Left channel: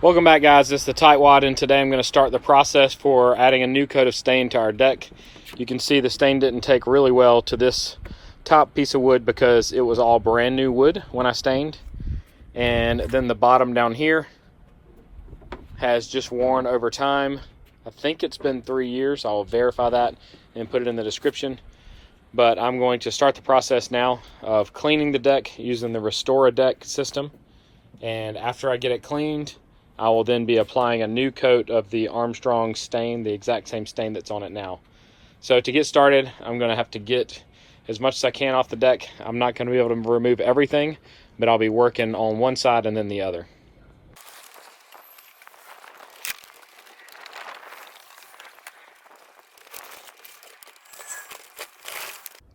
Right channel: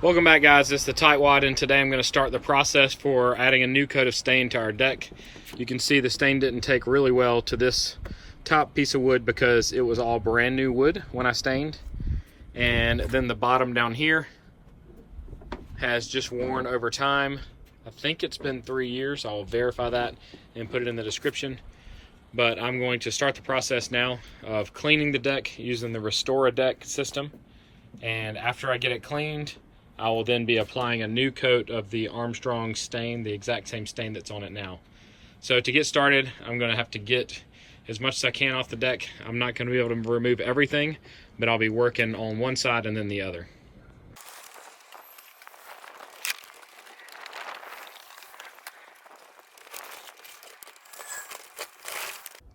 Welcome back, guys. This is the Tightwad, and today I'm going to start the process for adding a new coat of stain to our deck. You can see the stain didn't take really well to this top piece of wood because it was all brand new wood when I stained. And then the bottom down here has just worn over time. I think it's been 3 years. I'll verify that and put it in the description. But I'm going to start the process now of cleaning the deck using the Restore a Deck system. And after I get it cleaned, I will then be applying a new coat of the Armstrong stain, the exact same stain that's on it now. So to get started, I'm going to have to get as much as I can off the deck. I'm not going to be able to remove everything, but I'll be working on one side and then the other.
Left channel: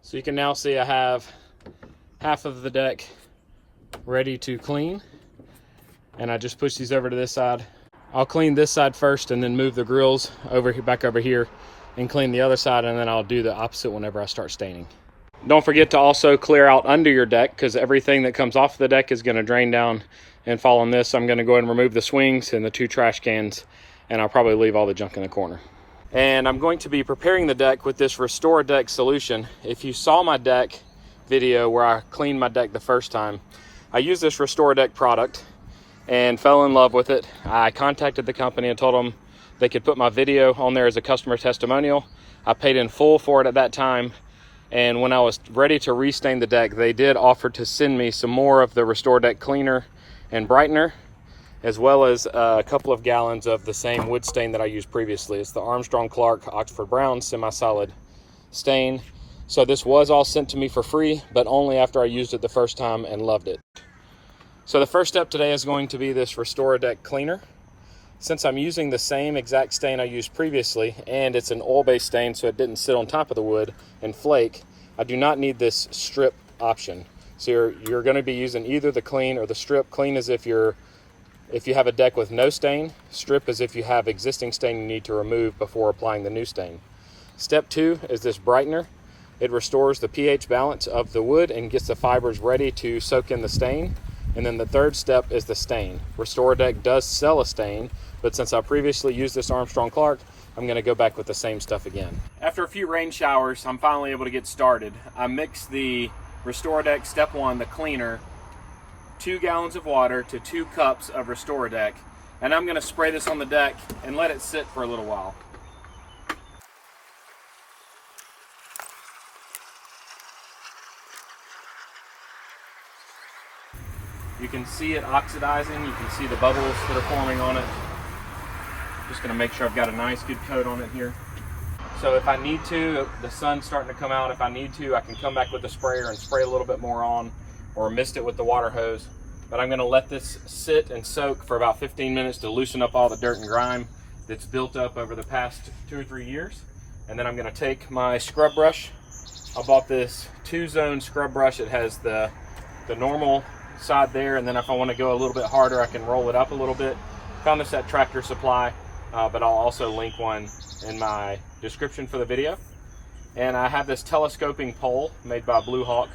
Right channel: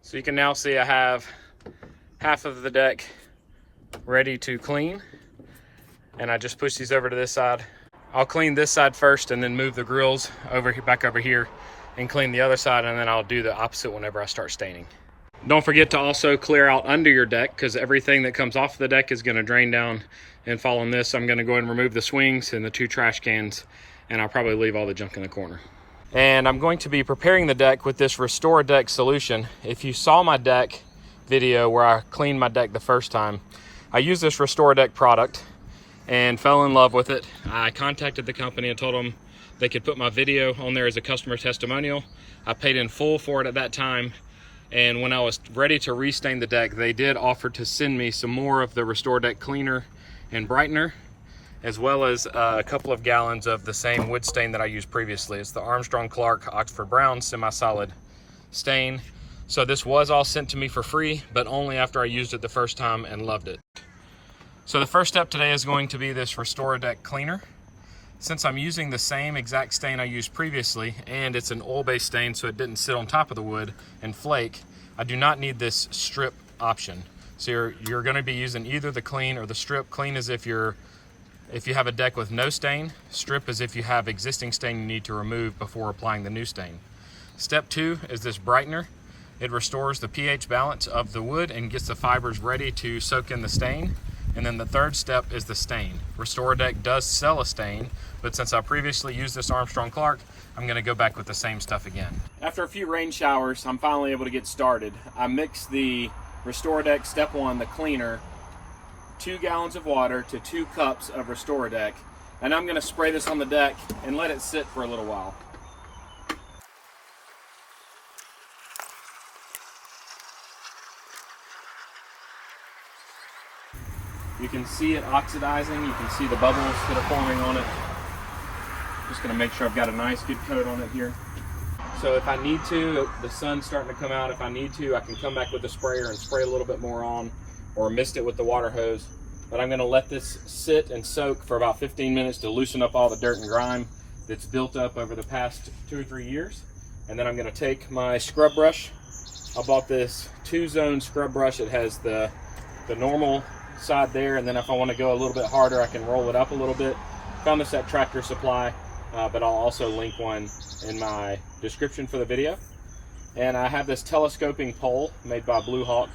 So you can now see I have half of the deck ready to clean. And I just push these over to this side. I'll clean this side first and then move the grills over here, back over here, and clean the other side, and then I'll do the opposite whenever I start staining. Don't forget to also clear out under your deck, because everything that comes off the deck is going to drain down and fall on this. So I'm going to go ahead and remove the swings and the 2 trash cans, and I'll probably leave all the junk in the corner. And I'm going to be preparing the deck with this Restore a Deck solution. If you saw my deck video where I cleaned my deck the first time, I used this Restore a Deck product and fell in love with it. I contacted the company and told them they could put my video on there as a customer testimonial. I paid in full for it at that time, and when I was ready to restain the deck, they did offer to send me some more of the Restore Deck cleaner and brightener, as well as a couple of gallons of the same wood stain that I used previously. It's the Armstrong Clark Oxford Brown semi-solid stain. So this was all sent to me for free, but only after I used it the first time and loved it. So the first step today is going to be this Restore a Deck cleaner. Since I'm using the same exact stain I used previously, and it's an oil-based stain so it didn't sit on top of the wood and flake, I do not need this strip option. So you're going to be using either the clean or the strip. Clean is if you have a deck with no stain. Strip is if you have existing stain you need to remove before applying the new stain. Step 2 is this brightener. It restores the pH balance of the wood and gets the fibers ready to soak in the stain. And then the third step is the stain. Restore a Deck does sell a stain, but since I previously used this Armstrong Clark, I'm going to go back with the same stuff again. After a few rain showers, I'm finally able to get started. I mixed the Restore a Deck Step 1, the cleaner, 2 gallons of water to 2 cups of Restore a Deck, and I'm going to spray this on the deck and let it sit for a little while. You can see it oxidizing. You can see the bubbles that are forming on it. Just going to make sure I've got a nice good coat on it here. So if I need to, the sun's starting to come out. If I need to, I can come back with the sprayer and spray a little bit more on, or mist it with the water hose. But I'm going to let this sit and soak for about 15 minutes to loosen up all the dirt and grime that's built up over the past 2 or 3 years. And then I'm going to take my scrub brush. I bought this 2-zone scrub brush. It has the normal side there, and then if I want to go a little bit harder, I can roll it up a little bit. Found this at Tractor Supply, but I'll also link one in my description for the video. And I have this telescoping pole made by Blue Hawk.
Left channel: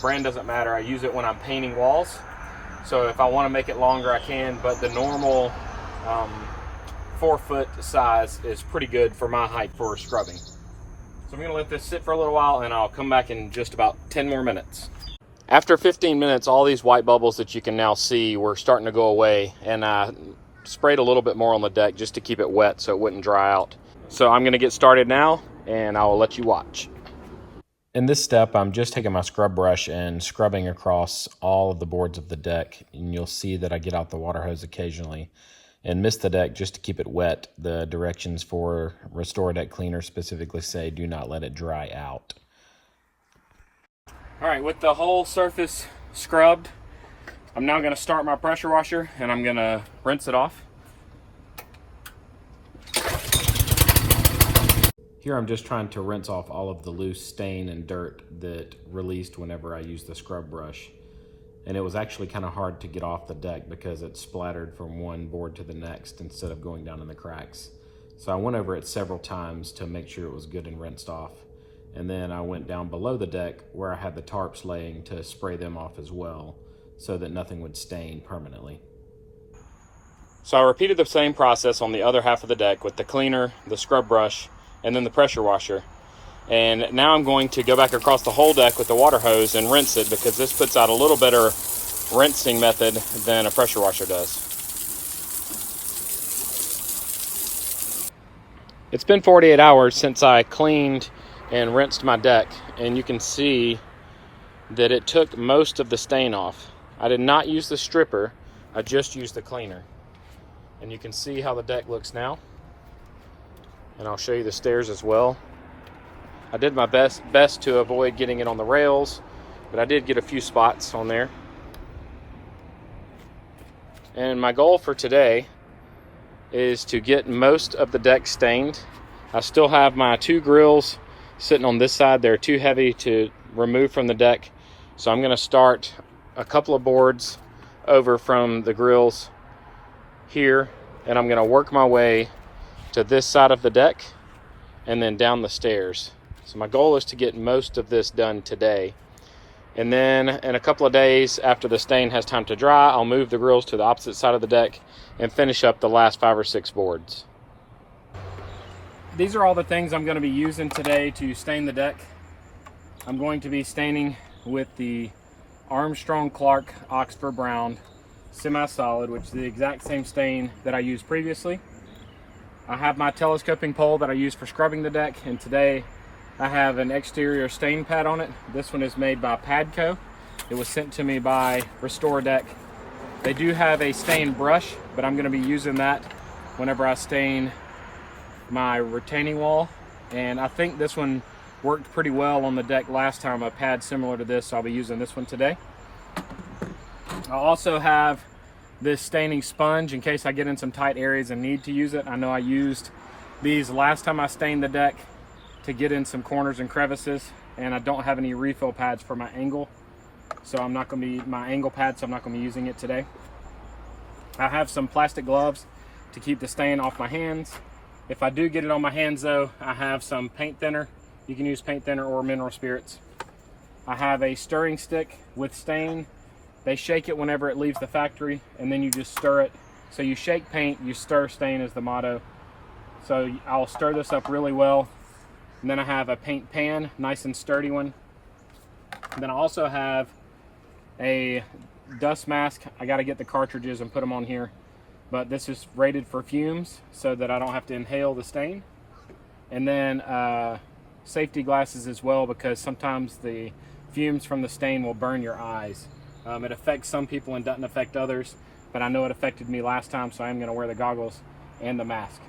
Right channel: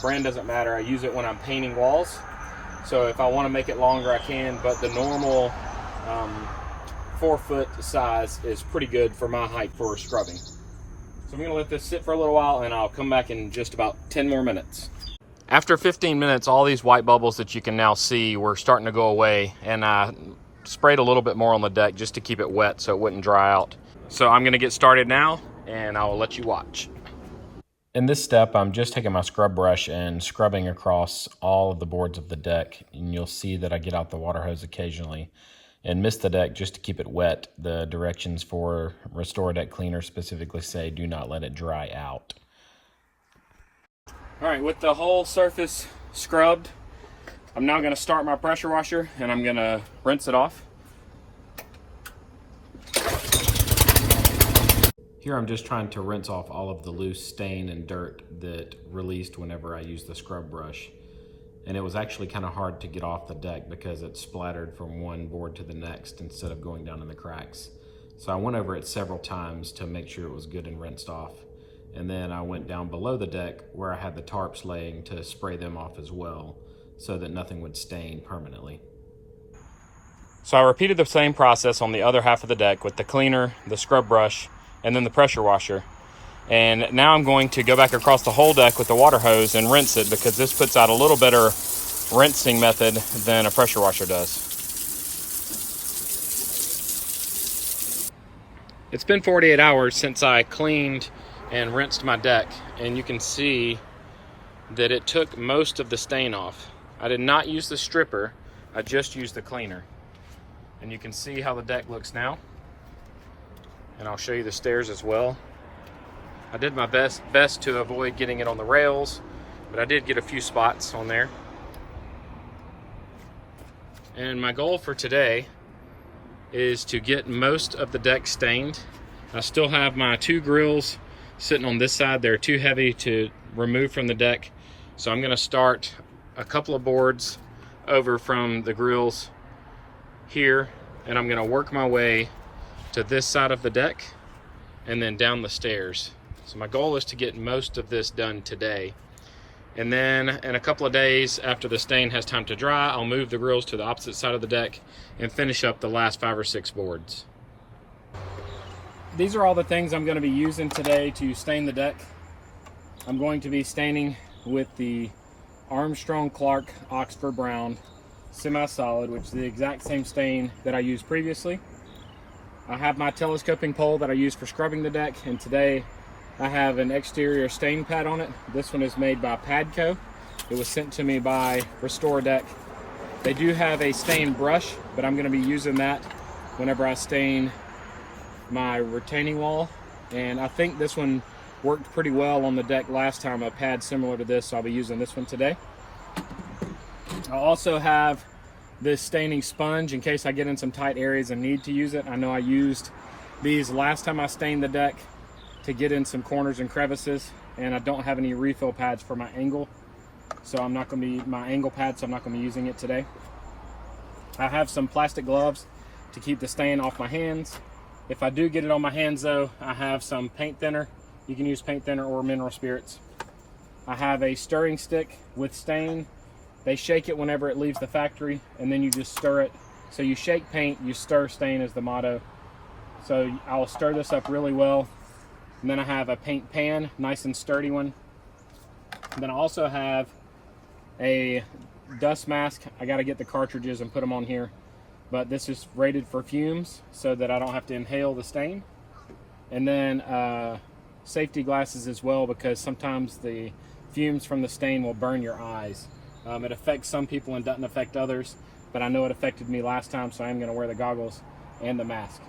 Brand doesn't matter. I use it when I'm painting walls, so if I want to make it longer I can, but the normal 4-foot size is pretty good for my height for scrubbing. So I'm going to let this sit for a little while, and I'll come back in just about 10 more minutes. After 15 minutes, all these white bubbles that you can now see were starting to go away, and I sprayed a little bit more on the deck just to keep it wet so it wouldn't dry out. So I'm going to get started now, and I'll let you watch. In this step, I'm just taking my scrub brush and scrubbing across all of the boards of the deck, and you'll see that I get out the water hose occasionally and mist the deck just to keep it wet. The directions for Restore a Deck cleaner specifically say do not let it dry out. All right, with the whole surface scrubbed, I'm now going to start my pressure washer, and I'm going to rinse it off. Here I'm just trying to rinse off all of the loose stain and dirt that released whenever I used the scrub brush. And it was actually kind of hard to get off the deck because it splattered from one board to the next instead of going down in the cracks. So I went over it several times to make sure it was good and rinsed off. And then I went down below the deck where I had the tarps laying to spray them off as well so that nothing would stain permanently. So I repeated the same process on the other half of the deck with the cleaner, the scrub brush, and then the pressure washer. And now I'm going to go back across the whole deck with the water hose and rinse it, because this puts out a little better rinsing method than a pressure washer does. It's been 48 hours since I cleaned and rinsed my deck, and you can see that it took most of the stain off. I did not use the stripper, I just used the cleaner. And you can see how the deck looks now. And I'll show you the stairs as well. I did my best to avoid getting it on the rails, but I did get a few spots on there. And my goal for today is to get most of the deck stained. I still have my 2 grills sitting on this side. They're too heavy to remove from the deck. So I'm gonna start a couple of boards over from the grills here, and I'm gonna work my way to this side of the deck and then down the stairs. So my goal is to get most of this done today. And then in a couple of days, after the stain has time to dry, I'll move the grills to the opposite side of the deck and finish up the last 5 or 6 boards. These are all the things I'm going to be using today to stain the deck. I'm going to be staining with the Armstrong Clark Oxford Brown semi-solid, which is the exact same stain that I used previously. I have my telescoping pole that I use for scrubbing the deck, and today I have an exterior stain pad on it. This one is made by Padco. It was sent to me by Restore Deck. They do have a stain brush, but I'm going to be using that whenever I stain my retaining wall. And I think this one worked pretty well on the deck last time, a pad similar to this, so I'll be using this one today. I also have this staining sponge in case I get in some tight areas and need to use it. I know I used these last time I stained the deck to get in some corners and crevices, and I don't have any refill pads for my angle, so I'm not going to be my angle pad, so I'm not going to be using it today. I have some plastic gloves to keep the stain off my hands. If I do get it on my hands though, I have some paint thinner. You can use paint thinner or mineral spirits. I have a stirring stick with stain. They shake it whenever it leaves the factory, and then you just stir it. So you shake paint, you stir stain is the motto. So I'll stir this up really well. And then I have a paint pan, nice and sturdy one. And then I also have a dust mask. I got to get the cartridges and put them on here. But this is rated for fumes so that I don't have to inhale the stain. And then safety glasses as well, because sometimes the fumes from the stain will burn your eyes. It affects some people and doesn't affect others, but I know it affected me last time, so I'm going to wear the goggles and the mask.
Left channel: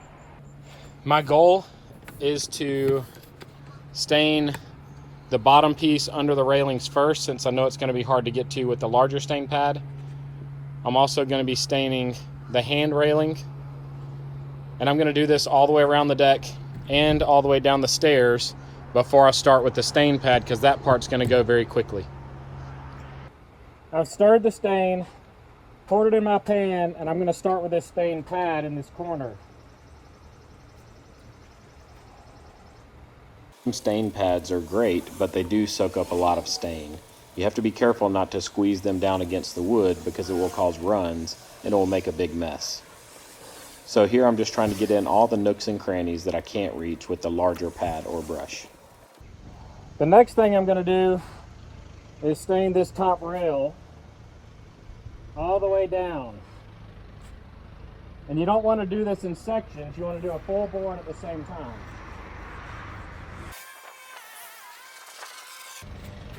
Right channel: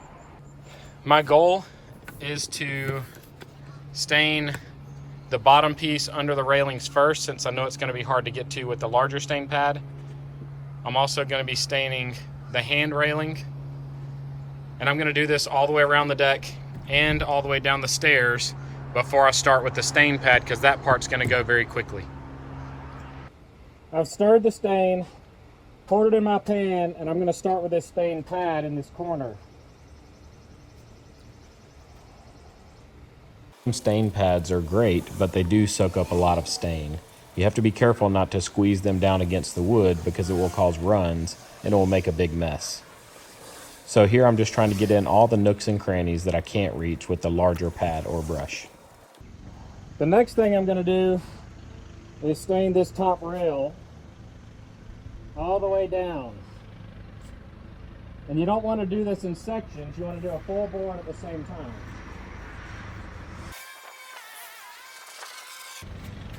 My goal is to stain the bottom piece under the railings first, since I know it's going to be hard to get to with the larger stain pad. I'm also going to be staining the hand railing, and I'm going to do this all the way around the deck and all the way down the stairs before I start with the stain pad, because that part's going to go very quickly. I've stirred the stain, poured it in my pan, and I'm going to start with this stain pad in this corner. Stain pads are great, but they do soak up a lot of stain. You have to be careful not to squeeze them down against the wood, because it will cause runs and it will make a big mess. So here I'm just trying to get in all the nooks and crannies that I can't reach with the larger pad or brush. The next thing I'm going to do is stain this top rail all the way down. And you don't want to do this in sections, you want to do a full board at the same time.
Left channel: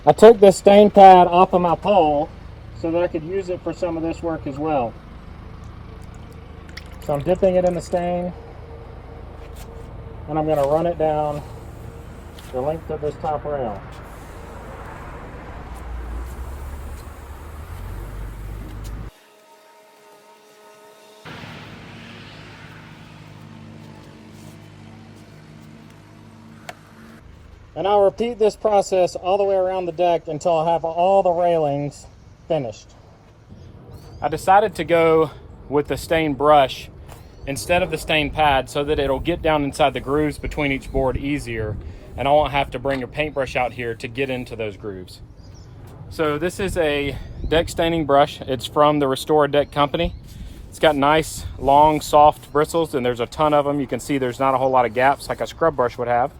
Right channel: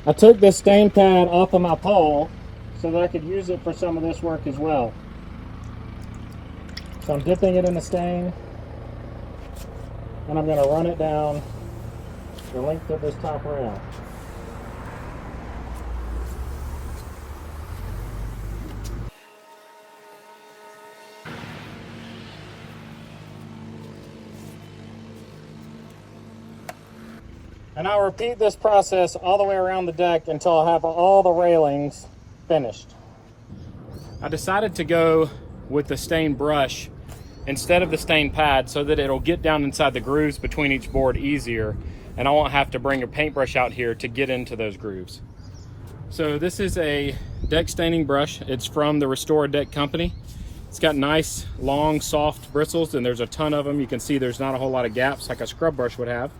I took this stain pad off of my pole so that I could use it for some of this work as well. So I'm dipping it in the stain, and I'm going to run it down the length of this top rail. And I'll repeat this process all the way around the deck until I have all the railings finished. I decided to go with the stain brush instead of the stain pad so that it'll get down inside the grooves between each board easier, and I won't have to bring a paintbrush out here to get into those grooves. So this is a deck staining brush. It's from the Restore Deck company. It's got nice, long, soft bristles, and there's a ton of them. You can see there's not a whole lot of gaps like a scrub brush would have.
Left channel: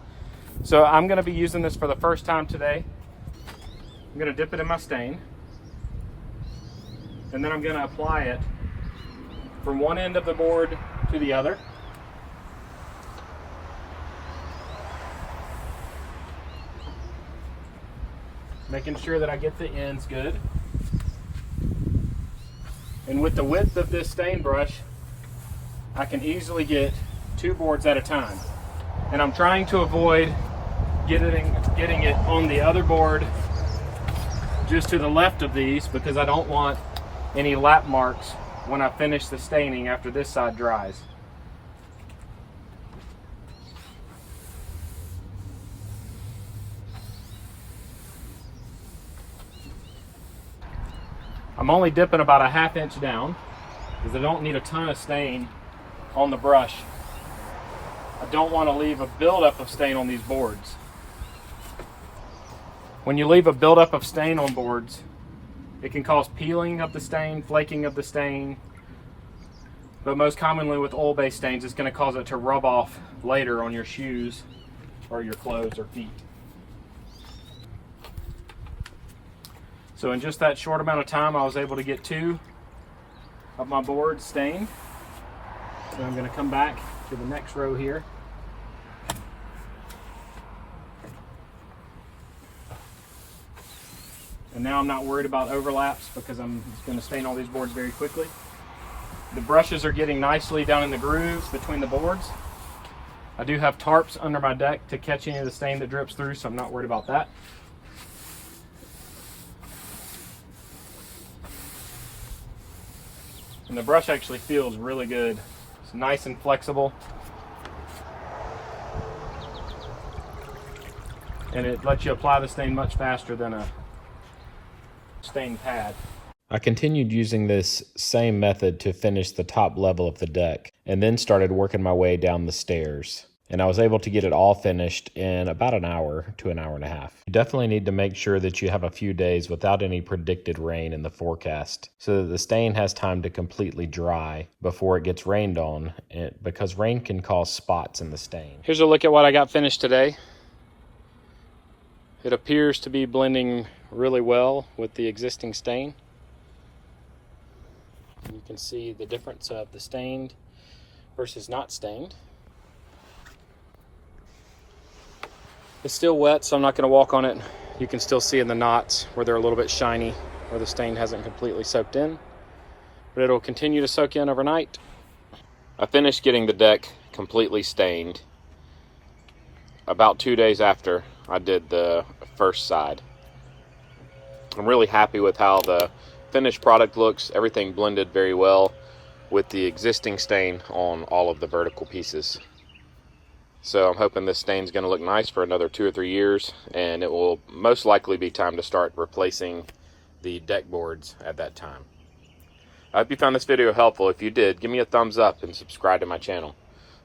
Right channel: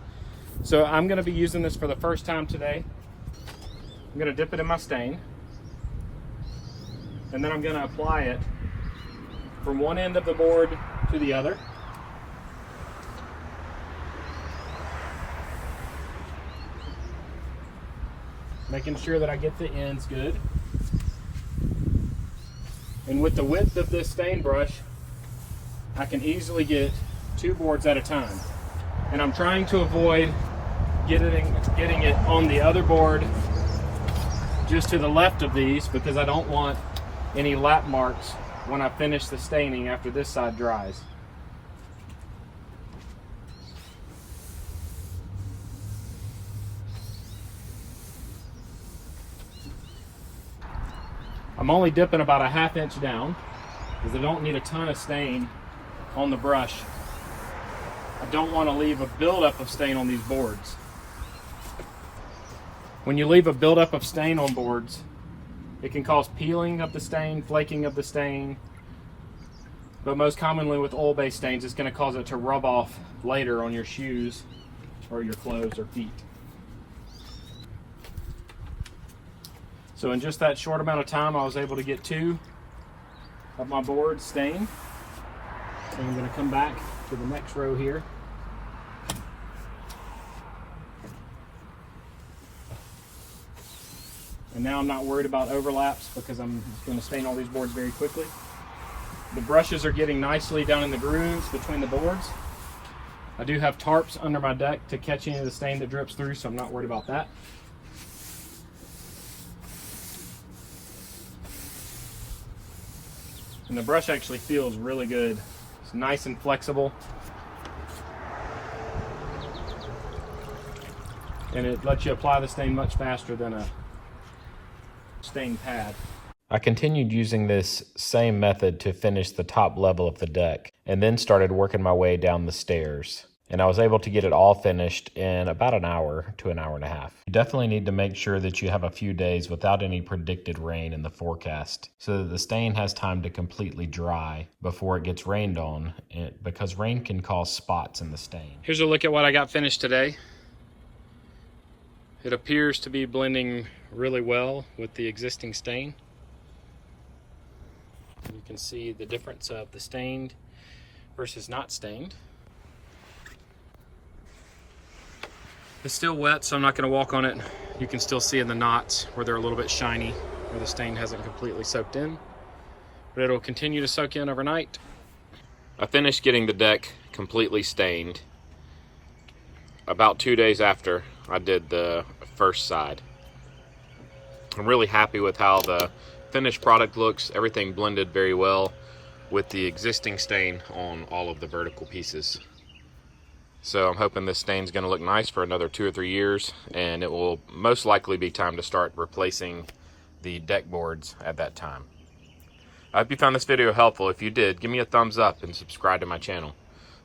So I'm gonna be using this for the first time today. I'm gonna dip it in my stain, and then I'm gonna apply it from one end of the board to the other. Making sure that I get the ends good. And with the width of this stain brush, I can easily get 2 boards at a time. And I'm trying to avoid getting it on the other board just to the left of these, because I don't want any lap marks when I finish the staining after this side dries. I'm only dipping about a 1/2 inch down because I don't need a ton of stain on the brush. I don't want to leave a buildup of stain on these boards. When you leave a buildup of stain on boards, it can cause peeling of the stain, flaking of the stain, but most commonly with oil-based stains, it's going to cause it to rub off later on your shoes or your clothes or feet. So in just that short amount of time, I was able to get 2 of my boards stained. So I'm going to come back to the next row here. And now I'm not worried about overlaps because I'm just going to stain all these boards very quickly. The brushes are getting nicely down in the grooves between the boards. I do have tarps under my deck to catch any of the stain that drips through, so I'm not worried about that. And the brush actually feels really good. It's nice and flexible. And it lets you apply the stain much faster than a stain pad. I continued using this same method to finish the top level of the deck, and then started working my way down the stairs. And I was able to get it all finished in about an hour to an hour and a half. You definitely need to make sure that you have a few days without any predicted rain in the forecast, so that the stain has time to completely dry before it gets rained on, because rain can cause spots in the stain. Here's a look at what I got finished today. It appears to be blending really well with the existing stain. You can see the difference of the stained versus not stained. It's still wet, so I'm not going to walk on it. You can still see in the knots where they're a little bit shiny, where the stain hasn't completely soaked in. But it'll continue to soak in overnight. I finished getting the deck completely stained about 2 days after I did the first side. I'm really happy with how the finished product looks. Everything blended very well with the existing stain on all of the vertical pieces. So I'm hoping this stain's going to look nice for another 2 or 3 years, and it will most likely be time to start replacing the deck boards at that time. I hope you found this video helpful. If you did, give me a thumbs up and subscribe to my channel.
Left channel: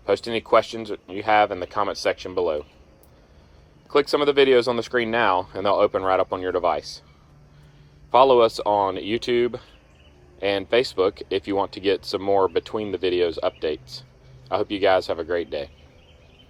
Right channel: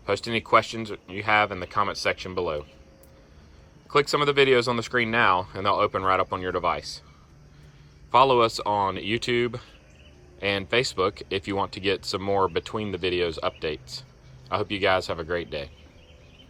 Post any questions you have in the comment section below. Click some of the videos on the screen now, and they'll open right up on your device. Follow us on YouTube and Facebook if you want to get some more between the videos updates. I hope you guys have a great day.